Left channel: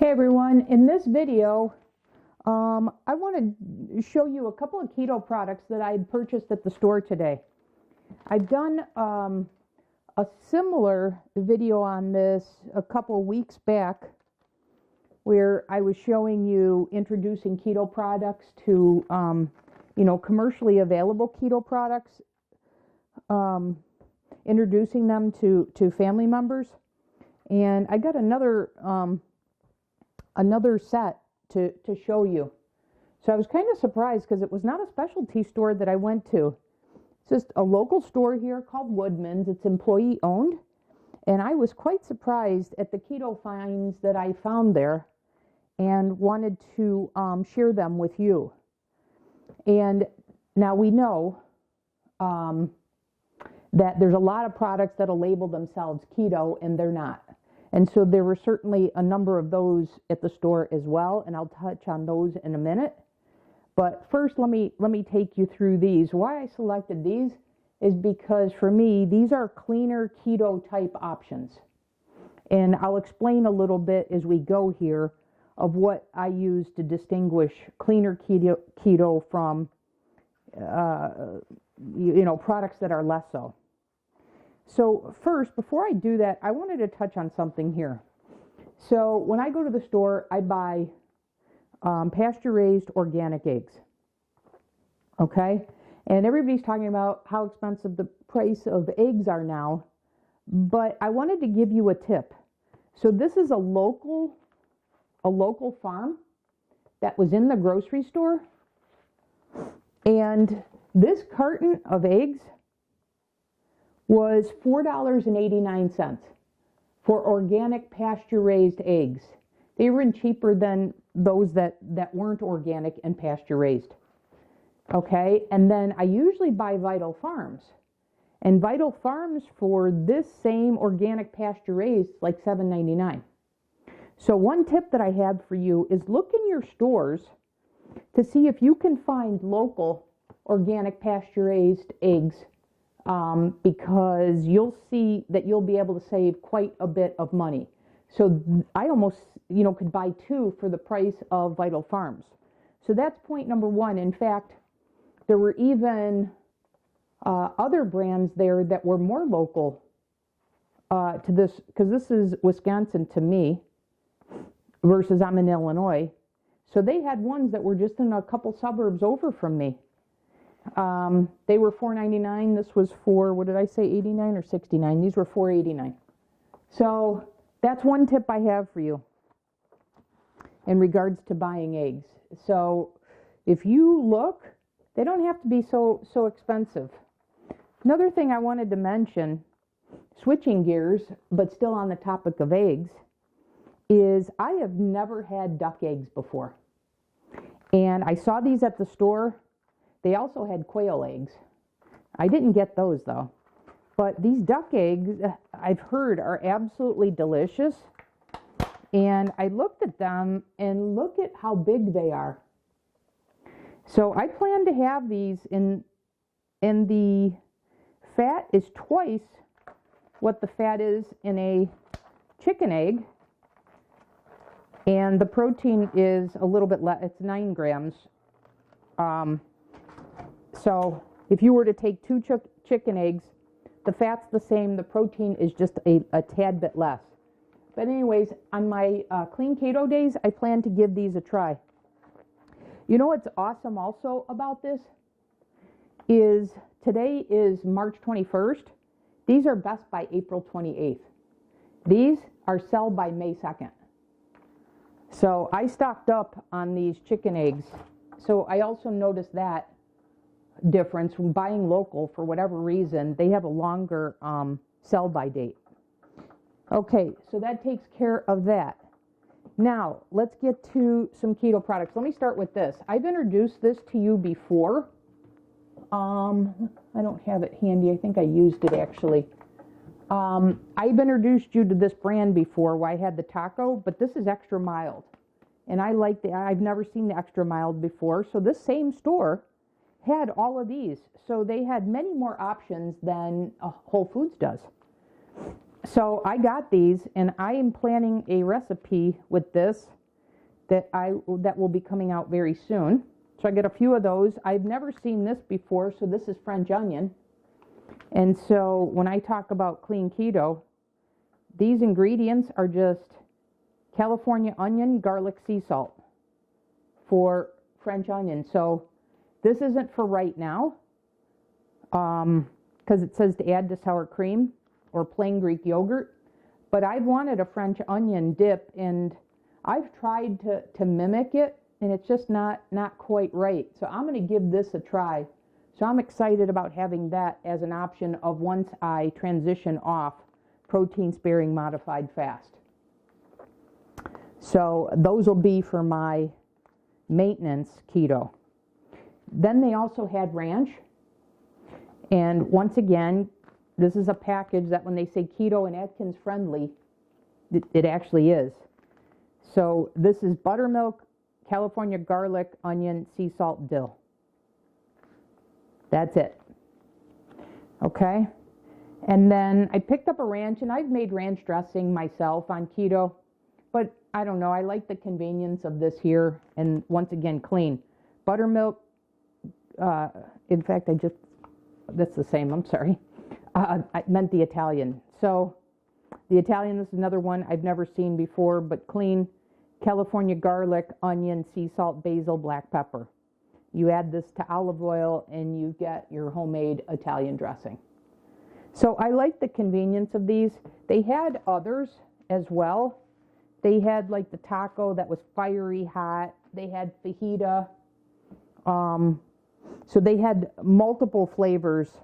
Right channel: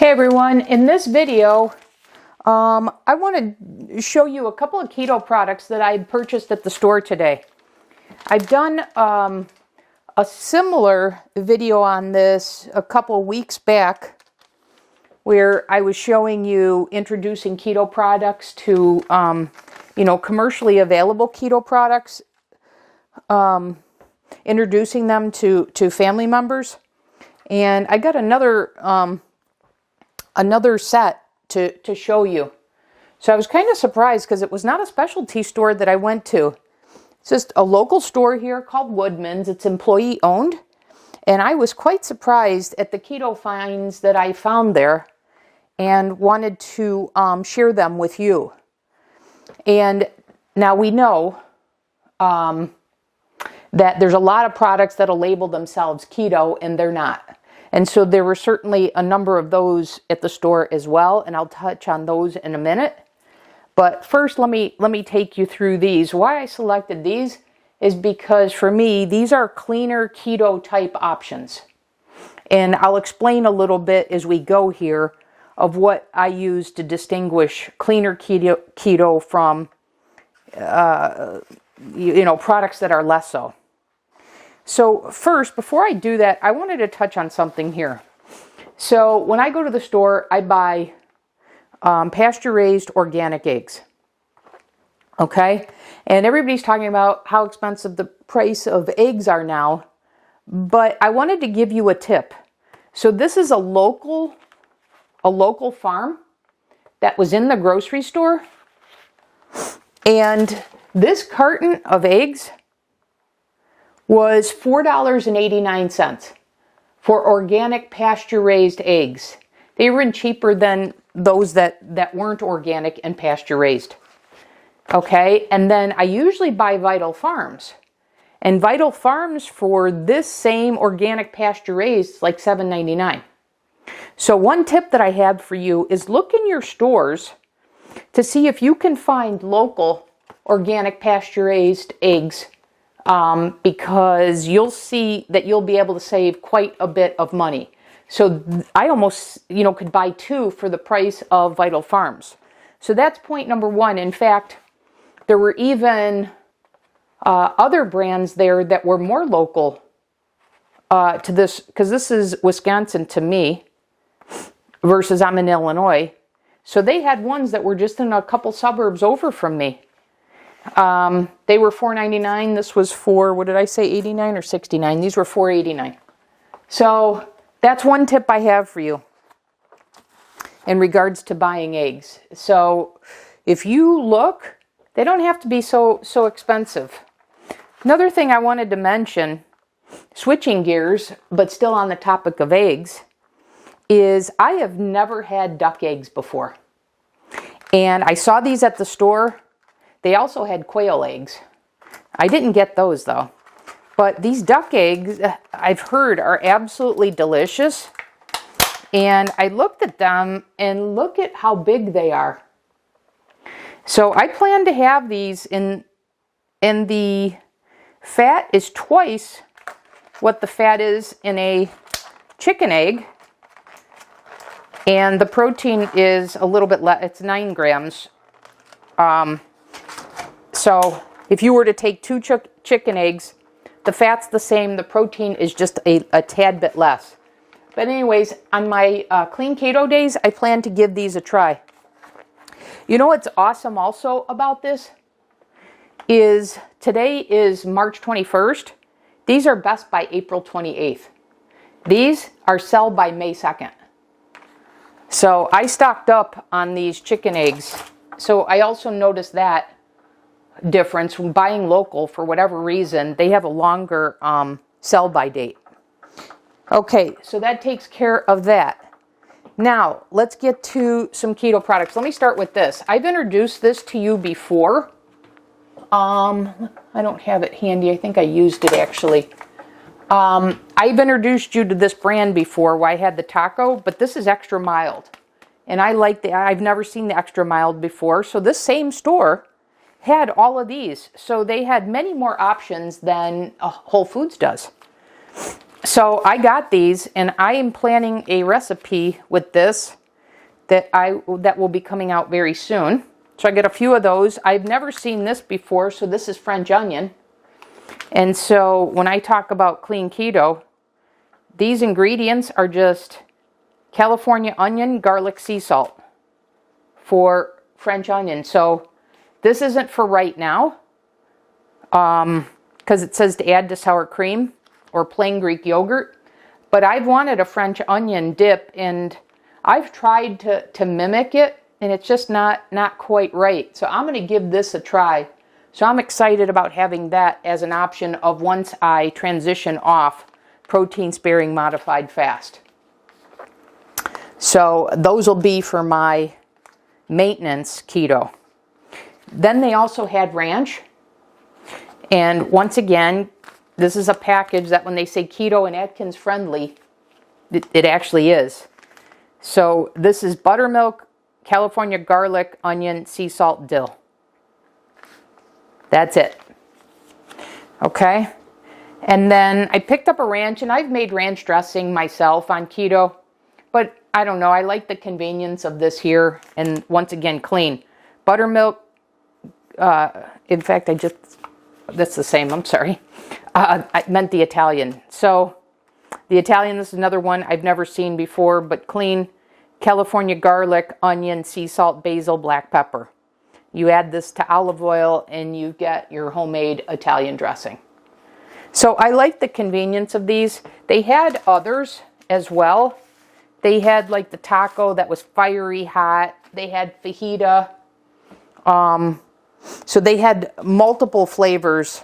Hey everyone, in this video I want to show you a couple of keto products that I purchased at the store today. I've done a similar video on this a couple weeks back where I was showing you introducing keto products to commercially available keto products, introducing them to family members. And I got another set to show you. So I was kind of surprised because it was not a specialty store that I went to. It's just a local store here called Woodman's. It's employee owned. And I was quite surprised at the keto finds that I found there and wanted to share them with you. And now we know that there's a lot of products that'll label themselves keto and they're not. And so there were certainly a number of those at the store as well, and I'll touch on those in a minute. But first, let me take you through these. Why I selected these is because for me, these are cleaner keto type options. And I'll explain a little bit as we go here of what I use to distinguish cleaner keto from products that are less so. So first, before I do that, I wanted to touch on something here. So when I go to the store, I buy pasture-raised organic eggs. Okay? And everybody's talking about how expensive the price of eggs are now. But I wanted to give you a tip. So this is a local farm that was in the grocery store. And this carton of eggs was $4.89 for organic pasture-raised eggs. They were even cheaper than those that weren't organic and pasture-raised. Okay, and then I usually buy Vital Farms. And Vital Farms for this same organic pasture-raised is like $7.99. So one tip that I have for you is look in your stores to see if you can find local organic pasture-raised eggs. Because you'll see that you'll be able to save quite a bit of money. So I almost, could buy two for the price of Vital Farms. So that's point number one. In fact, there were even other brands there that were more local to this, because this is Wisconsin to me versus I'm in Illinois. So they had ones that were just in a couple suburbs over from me. They were $4.99. This was for, what did I say, 89 or 69? These were $4.89. So that's one tip I have for you in regards to buying eggs. So if you look, they don't have to be so expensive. Another thing I wanted to mention, switching gears, but still on the topic of eggs, is I have never had duck eggs before. And I saw these at the store. They also had quail eggs. I didn't get those though. But these duck eggs, I've heard, are absolutely delicious. And I looked at them and look at how big they are. So I plan to have these and the fat is twice what the fat is in a chicken egg. And the protein is a little bit less, it's 9 grams. So if you were to take two chicken eggs, the fat's the same, the protein is just a tad bit less. But anyways, on my clean keto days, I plan to give these a try. You know what's awesome also about this is today is March 21st. These are best by April 28th. These are sell by May 2nd. So I stocked up on these chicken eggs. So I also noticed that difference when buying local. For whatever reason, they have a longer sell by date. Okay, so that takes care of that. Now let's get to some keto products. Let me start with this. I've introduced this to you before. I don't have it handy. I think I used it actually. I've introduced you to this brand before where I had the taco, but this is extra mild. And I like I've never seen the extra mild before. So this same store had all of these. So they had many more options than Whole Foods does. So I got these, and I am planning a recipe with this that will be coming out very soon. So I get a few of those. I've never seen this before, so this is French onion. And so when I talk about clean keto, these ingredients are just California onion, garlic, sea salt for French onion. So this isn't for right now, because it says to add to sour cream or plain Greek yogurt. But I've wanted a French onion dip, and I've tried to mimic it, and it's just not quite right. So I'm going to give this a try. So I'm excited about having that as an option of once I transition off protein sparing modified fast. So those will be for my maintenance keto. Then they also had ranch. And once again, this is a package that when they say keto and Atkins friendly, it actually is. So this is buttermilk, California garlic, onion, sea salt, dill. That's it. Okay. And then I picked up a ranch, and I've made ranch dressing myself on keto, but I don't know. I like the convenience of this here. And once again, clean. Buttermilk. In fact, that's the same. I'm sorry. I meant the Italian. So the Italian, this is another one I've never seen before, but clean. California garlic, onion, sea salt, basil, black pepper. You add this to olive oil and you get your homemade Italian dressing. So I like the convenience of these. They had others as well. They had like the taco that was fiery hot. They had fajita. So they had multiple flavors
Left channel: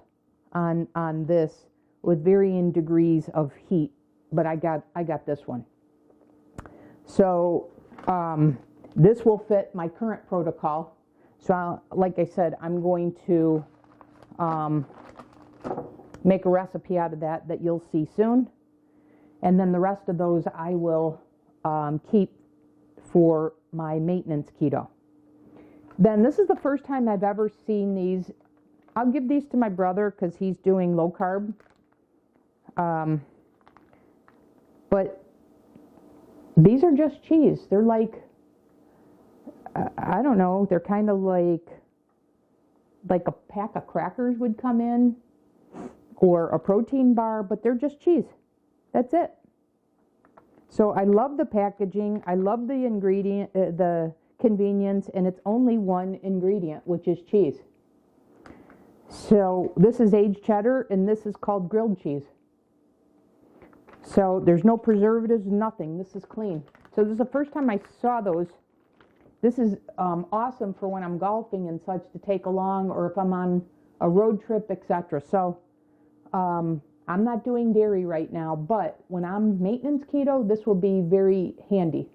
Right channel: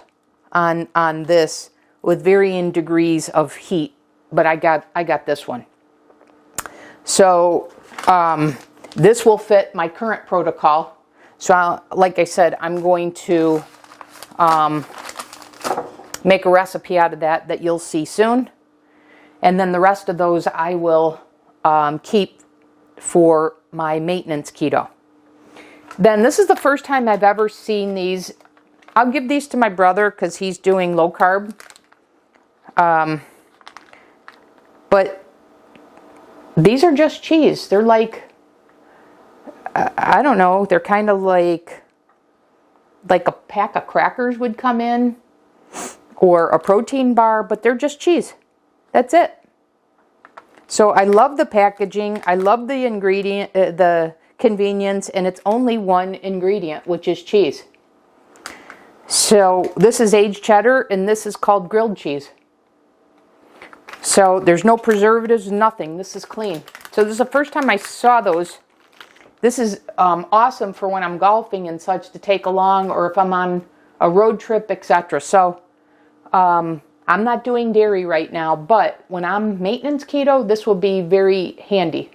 on this with varying degrees of heat. But I got this one. So this will fit my current protocol. So like I said, I'm going to make a recipe out of that you'll see soon. And then the rest of those I will keep for my maintenance keto. Then this is the first time I've ever seen these. I'll give these to my brother because he's doing low carb. But these are just cheese. They're like, I don't know, they're kind of like a pack of crackers would come in, or a protein bar, but they're just cheese. That's it. So I love the packaging. I love the ingredient, the convenience, and it's only one ingredient, which is cheese. So this is aged cheddar, and this is called grilled cheese. So there's no preservatives, nothing. This is clean. So this is the first time I saw those. This is awesome for when I'm golfing and such to take along, or if I'm on a road trip, etc. So I'm not doing dairy right now, but when I'm maintenance keto, this will be very handy.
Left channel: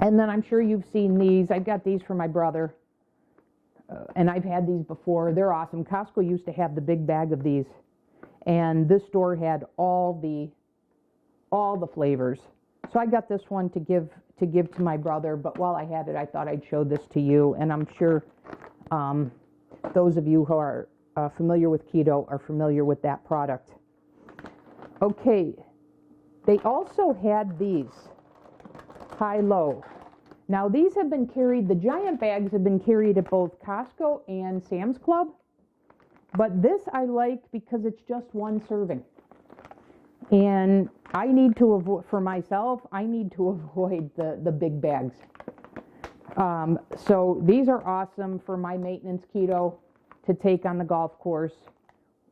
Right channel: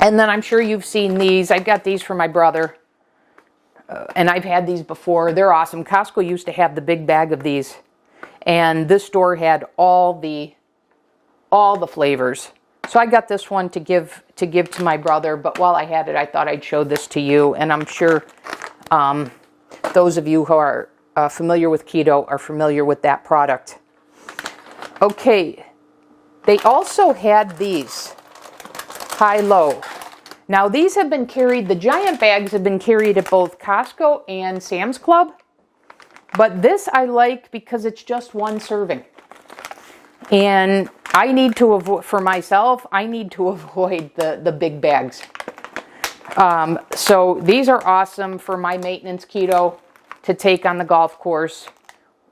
And then I'm sure you've seen these. I got these for my brother, and I've had these before. They're awesome. Costco used to have the big bag of these, and this store had all the flavors. So I got this one to give to my brother, but while I had it, I thought I'd show this to you, and I'm sure those of you who are familiar with keto are familiar with that product. Okay, they also had these high-low. Now these have been carried, the giant bags have been carried at both Costco and Sam's Club, but this I like because it's just one serving. And I need to avoid, for myself, I need to avoid the big bags. So these are awesome for my maintenance keto to take on the golf course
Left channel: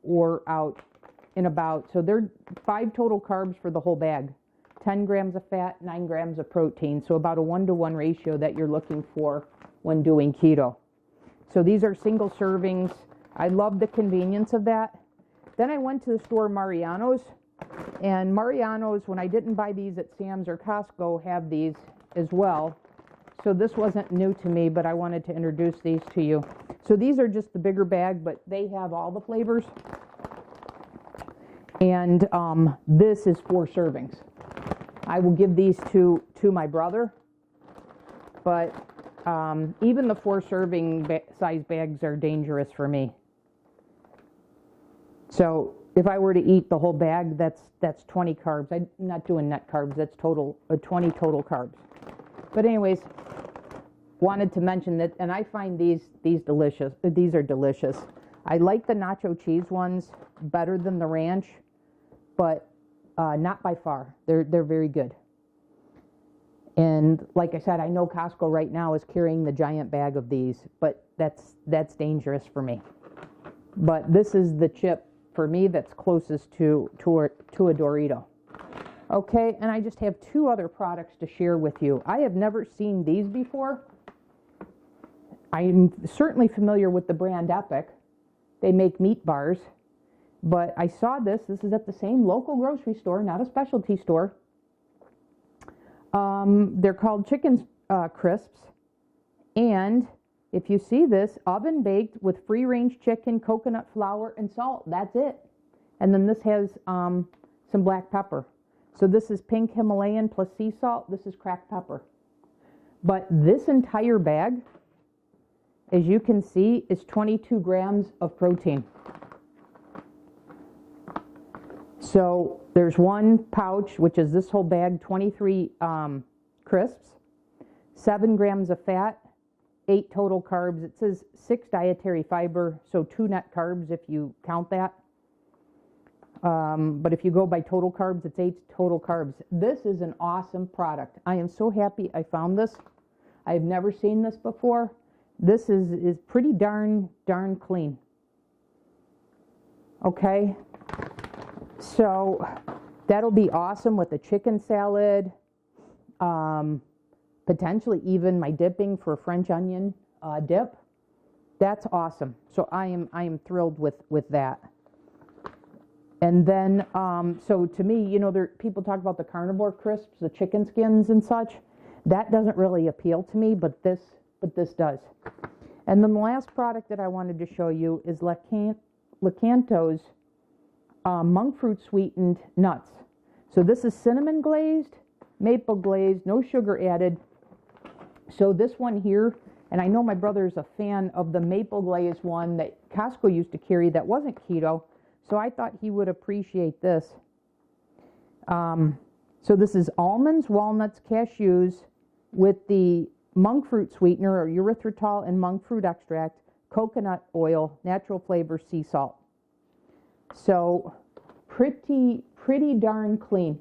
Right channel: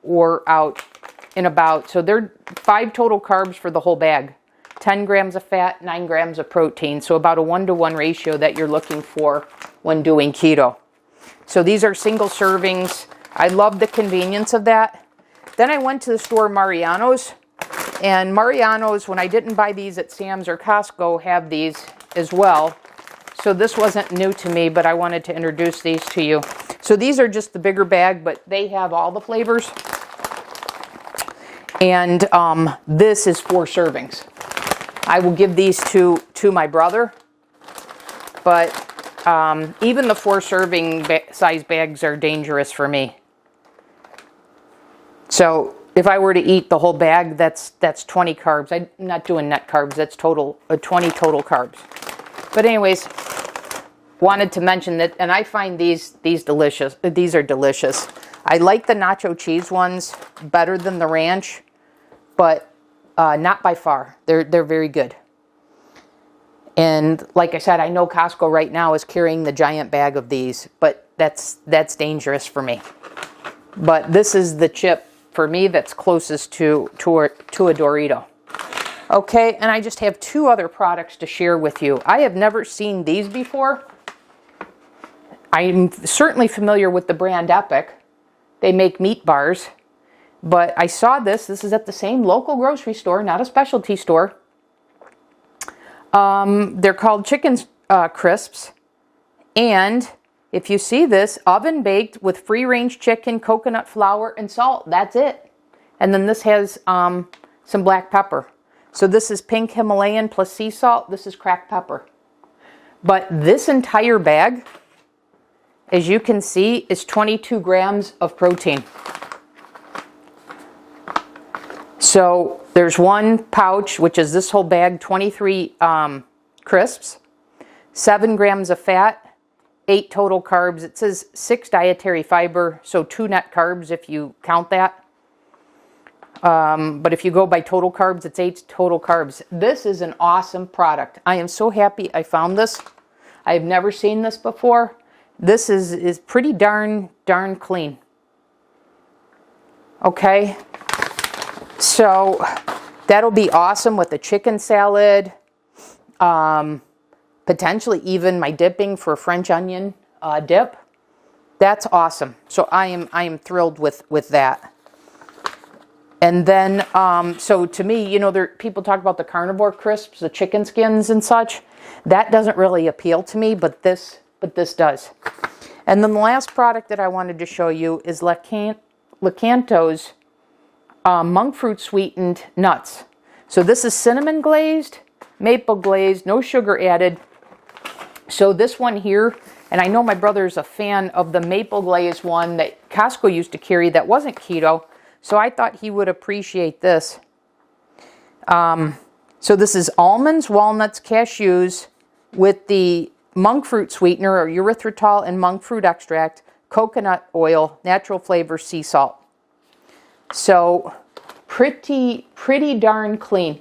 or out and about. So they're 5 total carbs for the whole bag. 10 grams of fat, 9 grams of protein. So about a 1-to-1 ratio that you're looking for when doing keto. So these are single servings. I love the convenience of that. Then I went to the store Mariano's. And Mariano's, when I didn't buy these at Sam's or Costco, have these as well. So this wasn't new to me, but I wanted to introduce these to you. So these are just the bigger bag, but they have all the flavors. And this is 4 servings. I will give these to my brother. But even the 4 serving size bags are dangerous for me. So if I were to eat the whole bag, that's 20 carbs. I'm not doing net carbs. That's 20 total carbs. But anyways, wanted to mention that, and I find these delicious. These are delicious. I like the nacho cheese ones better than the ranch, but not by far. They're very good. And like I said, I know Costco right now is carrying the giant bag of these, but that's dangerous for me. But this is the chip for me that's closest to a Dorito. Okay, and I just have 2 other products to share with you. I have never seen these before. I'm certainly familiar with the brand Epic. They make meat bars, but I saw this. This is at the same local grocery store, not a specialty store. They're called chicken crisps, and if you see this, oven baked with free range chicken, coconut flour, and salt. That's it. And then this has some black pepper. So this is pink Himalayan plus sea salt. This is cracked pepper. But this entire bag, as you can see, is 22 grams of protein. So there's one pouch, which is this whole bag, 23 crisps, 7 grams of fat, 8 total carbs. It says 6 dietary fiber, so 2 net carbs if you count that. But if you go by total carbs, it's 8 total carbs. This is an awesome product. I am so happy I found this. I've never seen this before. This is pretty darn clean. Okay. So that'll be awesome with the chicken salad. Potentially even my dipping for French onion dip. That's awesome. So I am thrilled with that. And then, so to me, you know, people talk about the carnivore crisps, the chicken skins and such. That doesn't really appeal to me, but this does. And then the last product that I wanted to show you is Lakanto's monk fruit sweetened nuts. So this is cinnamon glazed, maple glazed, no sugar added. So this one here, and I know my brother's a fan of the maple glazed one that Costco used to carry that wasn't keto. So I thought he would appreciate this. So this is almonds, walnuts, cashews with the monk fruit sweetener or erythritol and monk fruit extract, coconut oil, natural flavor, sea salt. So pretty darn clean.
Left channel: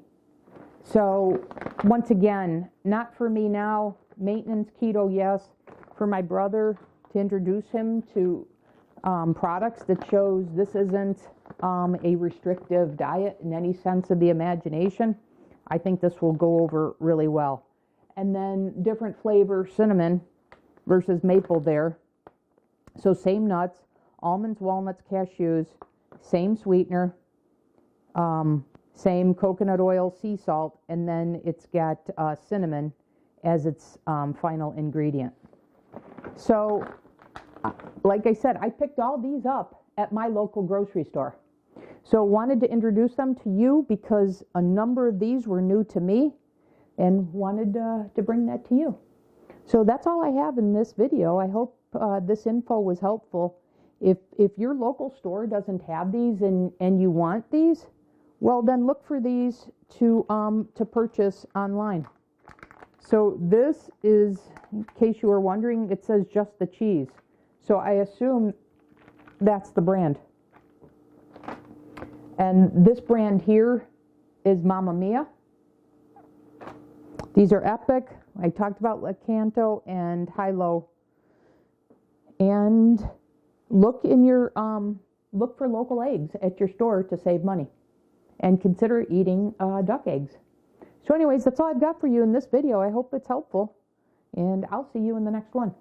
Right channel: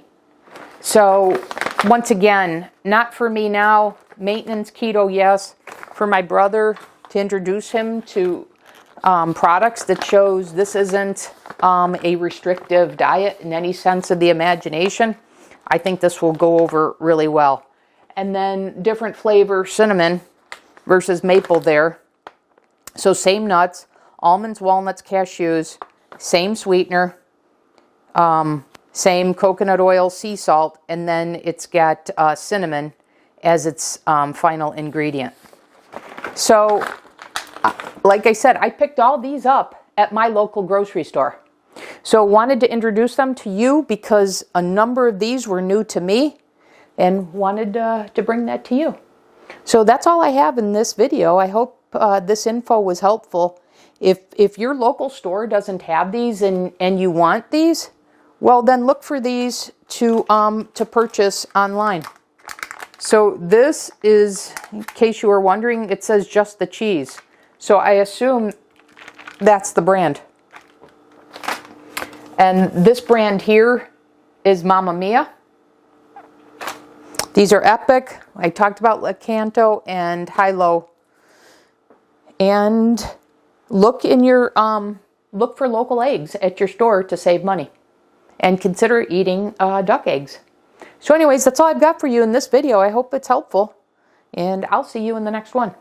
So once again, not for me now, maintenance keto, yes. For my brother, to introduce him to products that shows this isn't a restrictive diet in any sense of the imagination, I think this will go over really well. And then different flavor, cinnamon versus maple there. So same nuts, almonds, walnuts, cashews, same sweetener, same coconut oil, sea salt, and then it's got cinnamon as its final ingredient. So like I said, I picked all these up at my local grocery store. So wanted to introduce them to you because a number of these were new to me and wanted to bring that to you. So that's all I have in this video. I hope this info was helpful. If your local store doesn't have these and you want these, well then look for these to purchase online. So this is, in case you were wondering, it says just the cheese. So I assume that's the brand. And this brand here is Mamma Mia. These are Epic. I talked about Lakanto and Hilo. And look for local eggs at your store to save money. And consider eating duck eggs. So anyways, that's all I've got for you in this video. I hope it's helpful. And I'll see you in the next one.